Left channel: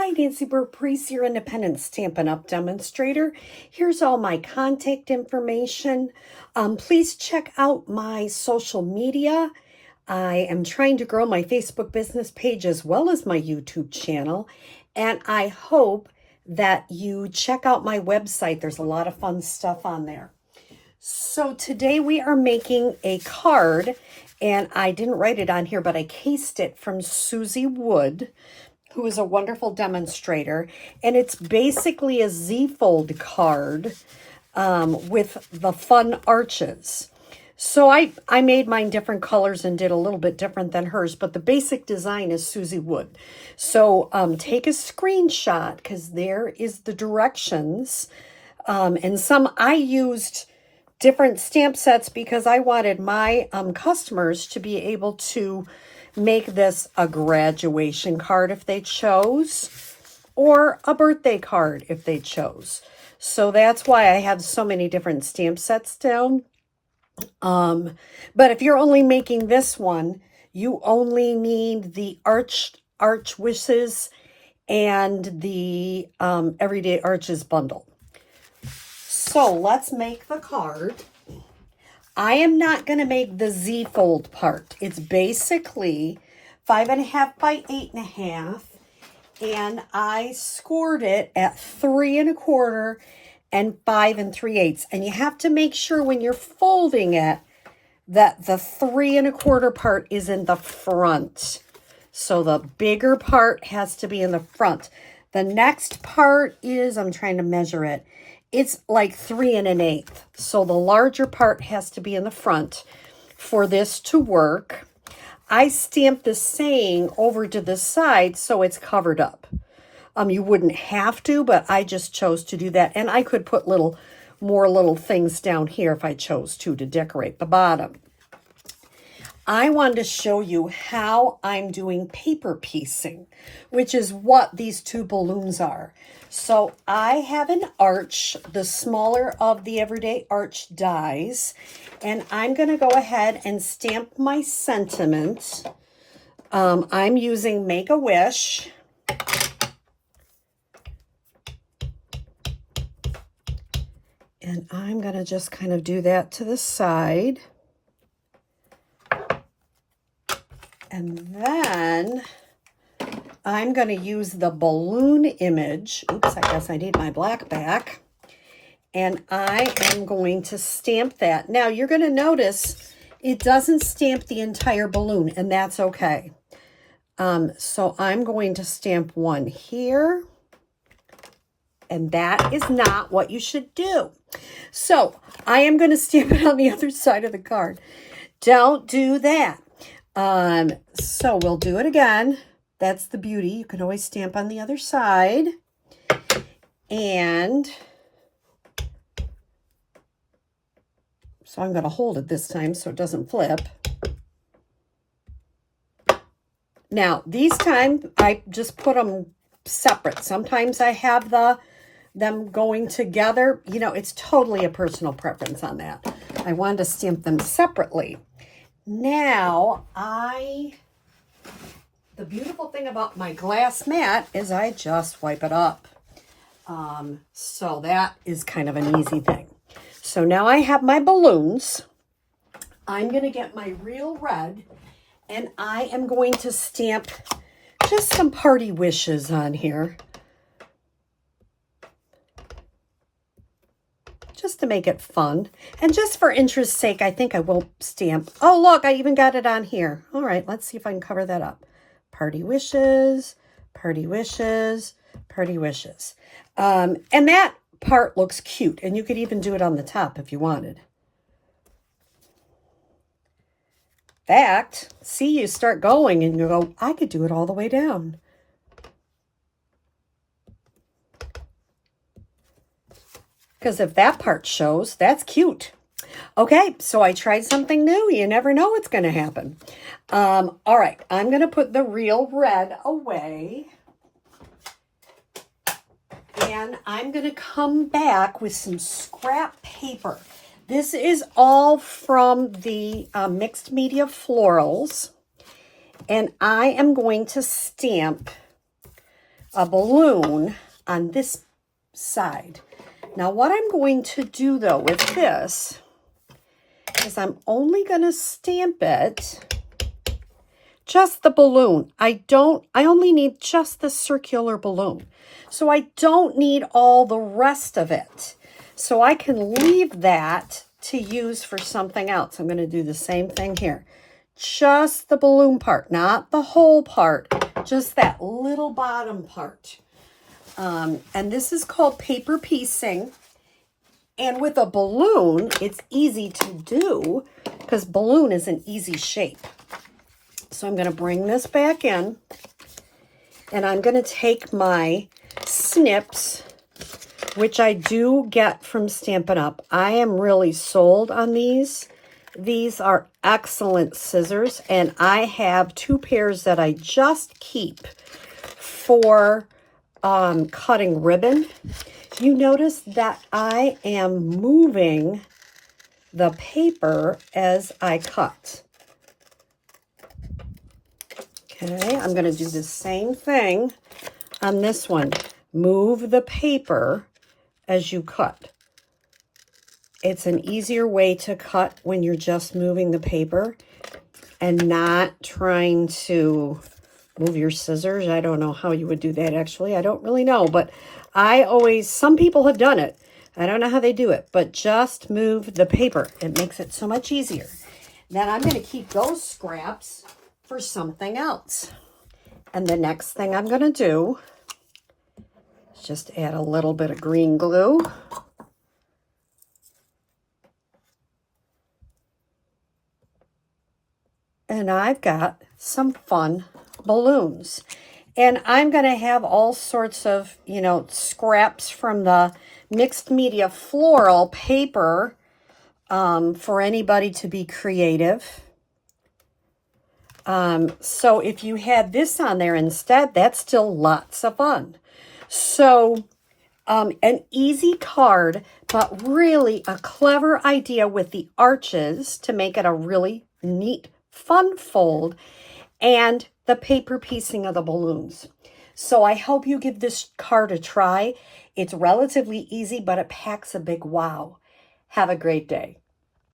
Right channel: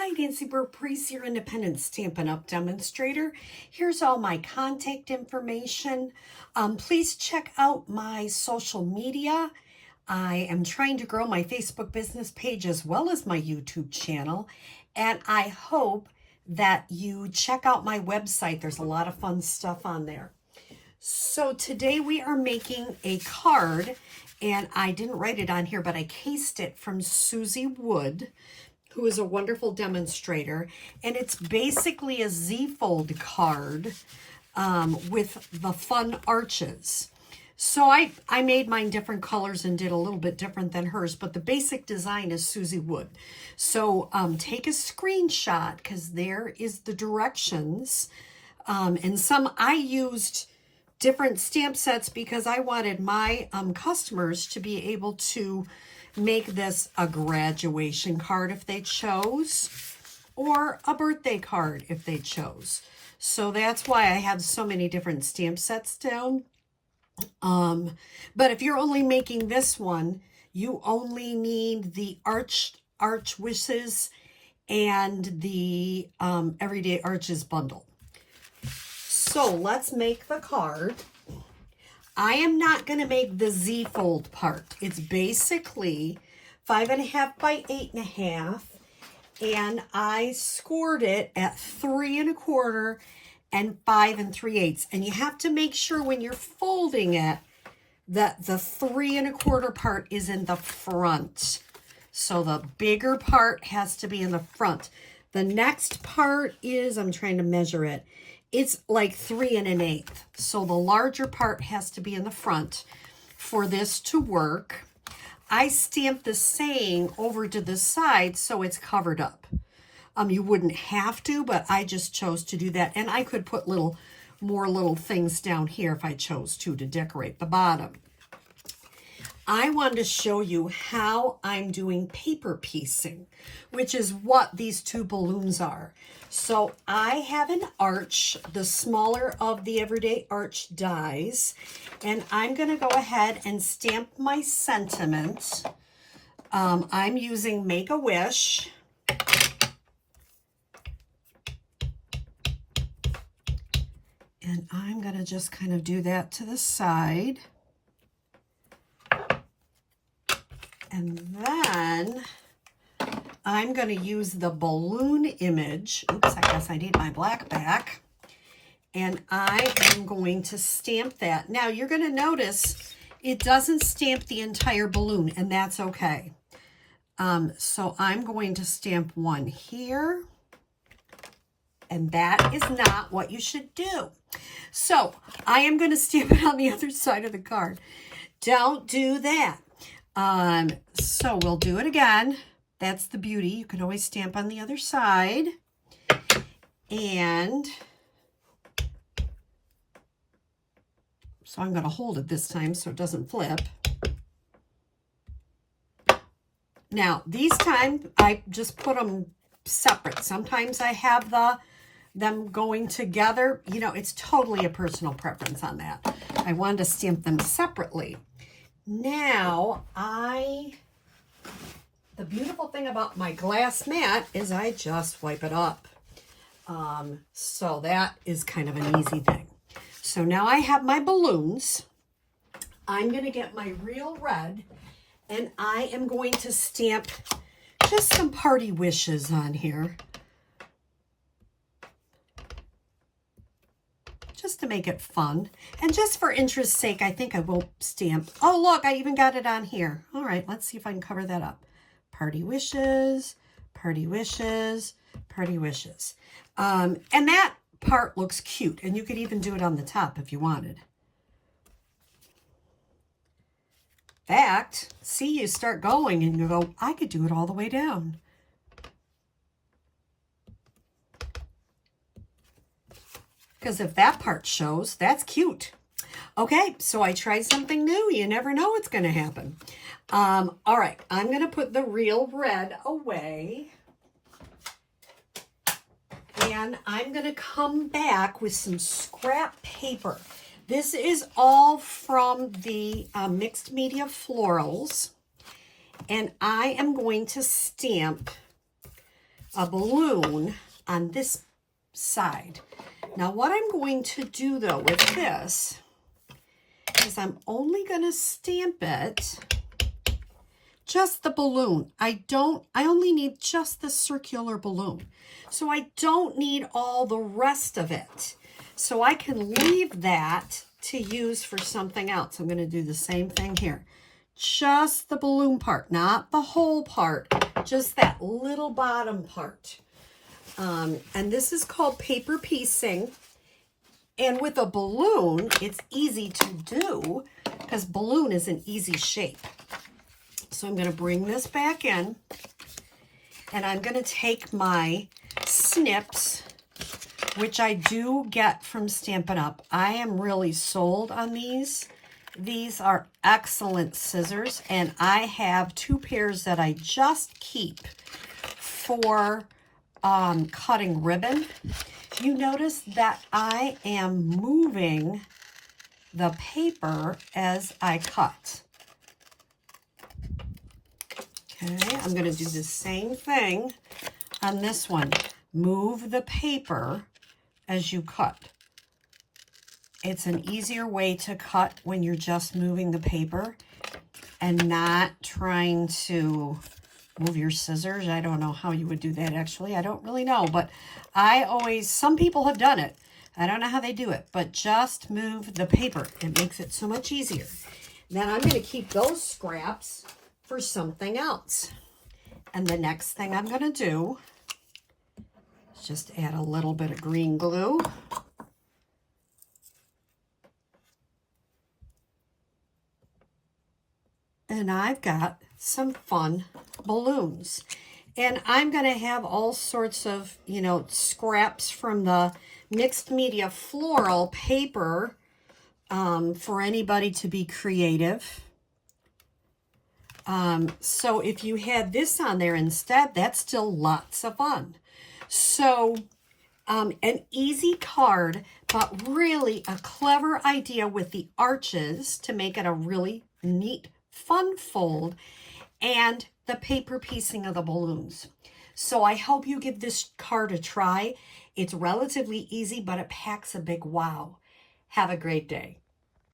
Hi, Nancy Burt-Preece, your independent Stampin' Up! Demonstrator. Here's all my contact information. Please check out my social media. I am trying to grow my Facebook business page as well as my YouTube channel. And I hope that you check out my website. There's a lot of fun stuff on there. So today we are making a card, and I didn't write it on here, but I cased it from Susie Wood, who is a wonderful demonstrator, and it's basically a Z-fold card with the fun arches. So I made mine different colors and did a little bit different than hers, but the basic design is Susie Wood. So take a screenshot, because there is the directions. And some I used different stamp sets because I wanted my customers to be able to make this a graduation card if they chose, or a birthday card if they chose. So that's why I have so many different stamp sets down. But if you're only making this one, you only need the arch wishes and the everyday arches bundle. So let's make the card. I am not going to make the Z-fold part. It's basically 5.5 by 8.5, and I scored it at 3 1/4 and 5 3/8. And you have to make sure when you're folding it that the 3 1/4 part is in the front. So the bigger part has to be in the front. The next part is, I'm trying to measure it, it's like 3 1/8. So the larger part has to be in the front for this to work. I stamped the saying over to the side so it's covered up. You wouldn't have to, but I just chose to do that. And I could put more little things down here if I chose to decorate the bottom. I wanted to show you how I'm doing paper piecing, which is what these two balloons are. So I have an arch, the smaller of the everyday arch dies, and I'm going to go ahead and stamp my sentiment. I'm using Make-A-Wish. And I'm going to just kind of do that to the side. And then I'm going to use the balloon image. Oops, I guess I need my black back. And I am going to stamp that. Now, you're going to notice it doesn't stamp the entire balloon, and that's okay. So I'm going to stamp one here. And that is not what you should do. So I am going to stamp it on the other side of the card. Don't do that. So we'll do it again. That's the beauty. You can always stamp on the other side. And so I'm going to hold it this time so it doesn't flip. Now, these time I just put them separate. Sometimes I have them going together. You know, it's totally a personal preference on that. I wanted to stamp them separately. Now, the beautiful thing about my glass mat is I just wipe it up. So that is kind of an easy thing. So now I have my balloons. I'm going to get my real red, and I am going to stamp just some party wishes on here. Just to make it fun. And just for interest's sake, I think I won't stamp. Oh, look, I even got it on here. All right, let's see if I can cover that up. Party wishes, party wishes, party wishes. And that part looks cute. And you could even do it on the top if you wanted. In fact, see, you start going and you go, I could do it all the way down. Because if that part shows, that's cute. Okay, so I tried something new. You never know what's going to happen. All right, I'm going to put the real red away. And I'm going to come back with some scrap paper. This is all from the Mixed Media Florals. And I am going to stamp a balloon on this side. Now what I'm going to do though with this is I'm only going to stamp it, just the balloon. I only need just the circular balloon. So I don't need all the rest of it. So I can leave that to use for something else. I'm going to do the same thing here. Just the balloon part, not the whole part, just that little bottom part. And this is called paper piecing. And with a balloon, it's easy to do because balloon is an easy shape. So I'm going to bring this back in, and I'm going to take my snips, which I do get from Stampin' Up. I am really sold on these. These are excellent scissors, and I have 2 pairs that I just keep for cutting ribbon. You notice that I am moving the paper as I cut. Okay, I'm going to do the same thing on this one. Move the paper as you cut. It's an easier way to cut when you're just moving the paper and not trying to move your scissors. I don't know how you would do that actually. I don't really know, but some people have done it. I don't know how they do it, but just move the paper. It makes it so much easier. Then I'm going to keep those scraps for something else. And the next thing I'm going to do is just add a little bit of green glue. And I've got some fun balloons. And I'm going to have all sorts of, scraps from the mixed media floral paper for anybody to be creative. So if you had this on there instead, that's still lots of fun. So an easy card, but really a clever idea with the arches to make it a really neat, fun fold, and the paper piecing of the balloons. So I hope you give this card a try. It's relatively easy, but it packs a big wow. Have a great day.